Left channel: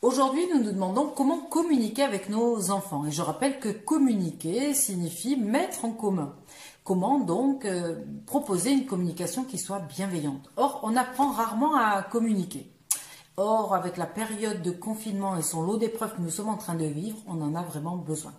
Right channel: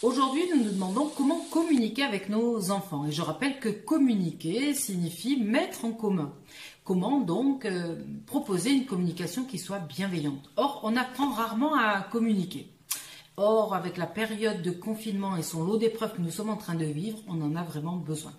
Aujourd'hui, nous nous demandons comment communiquer avec nos enfants. Et je rappelle que communiquer signifie mettre en commun. Comment donc proposer une communication qui soit bienveillante. Or, on apprend rarement à communiquer. Or, avec la période de confinement et son lot d'épreuves que nous sommes en train de vivre, on en a vraiment besoin.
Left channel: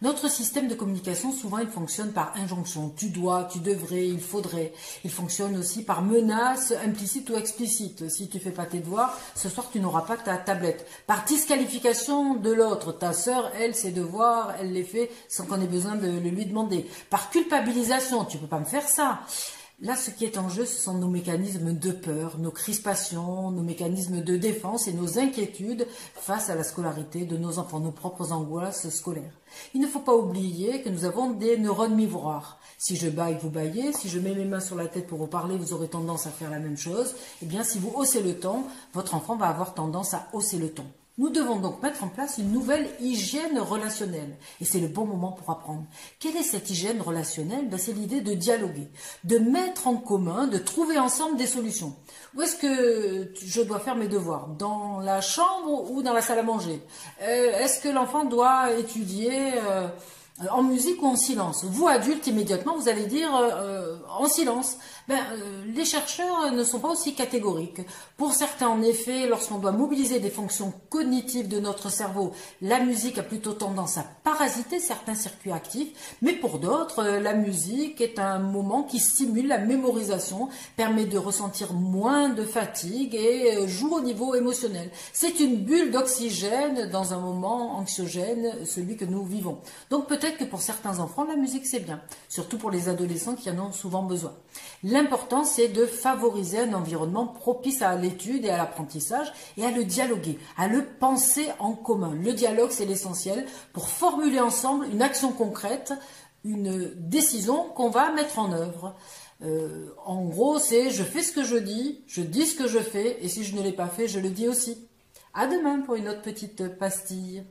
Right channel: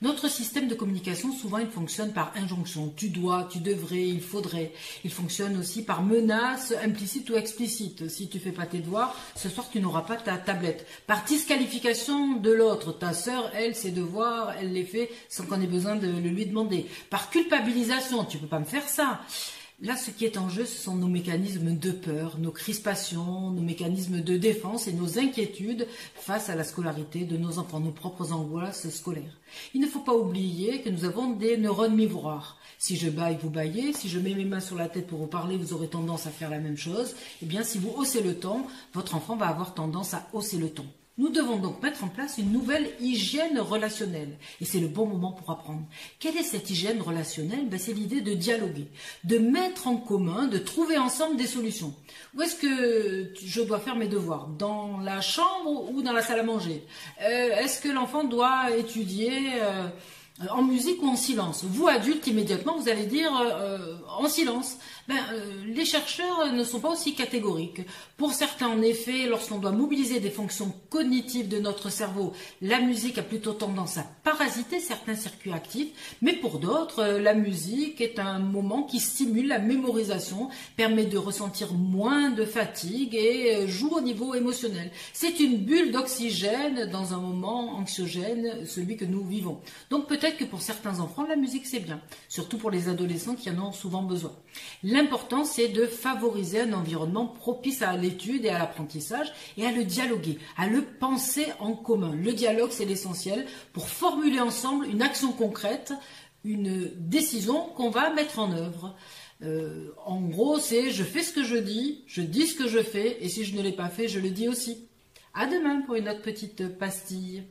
Notre système de communication, souvent, il fonctionne par injonction. Tu dois, tu devrais, il faudrait. Il fonctionne aussi par menace implicite ou explicite. Si tu fais pas tes devoirs, ce soir, tu n'auras pas ta tablette. Par disqualification de l'autre. Ta sœur, elle, ses devoirs, elle les fait sans qu'on ait besoin de le lui demander. Par culpabilisation, tu peux pas me faire ça. Là, ce qui est en jeu, ce sont nos mécanismes de peur, nos crispations, nos mécanismes de défense et nos inquiétudes face à la scolarité de nos enfants, nos propres angoisses scolaires. Il ne faut pas oublier que nous avons des neurones miroirs. Si je baille, vous baillez. Si je mets mes mains sur la tête pour vous parler, vous aurez tendance à faire la même chose. Eh bien, si vous haussez le ton, votre enfant va avoir tendance à hausser le ton. Nous devons donc mettre en place une nouvelle hygiène relationnelle. Et c'est le bon moment pour apprendre. Quelle est cette hygiène relationnelle? C'est l'idée de dialoguer, de mettre en commun, de trouver ensemble des solutions. Où est-ce que je dois faire mes devoirs? Dans la chambre ou dans la salle à manger? Est-ce que l'enfant doit étudier en musique ou en silence? Vous, adultes, immédiatement, vous allez dire en silence. Les chercheurs ne sont pas aussi catégoriques. Pour certains, en effet, lorsqu'on doit mobiliser des fonctions cognitives de notre cerveau, la musique a plutôt tendance à parasiter certains circuits actifs, mais pour d'autres, la musique est un moment qui stimule la mémorisation, permet de ressentir moins de fatigue et joue au niveau émotionnel. C'est une bulle d'oxygène dans un moment anxiogène, celui que nous vivons. Donc peut-être que pour certains enfants, la musique c'est bien, surtout pour les adolescents qui en ont souvent besoin. L'important, c'est de favoriser un environnement propice à l'étude et à l'apprentissage et à le dialoguer, à le penser en commun. Le dialogue, c'est l'essentiel pour formuler ensemble une action concrète, une décision qu'on va mettre en œuvre. En gros, c'est je fais ce que je dis ce que je fais et si je ne l'ai pas fait, je le dis aussi. À demain pour une autre petite pastille.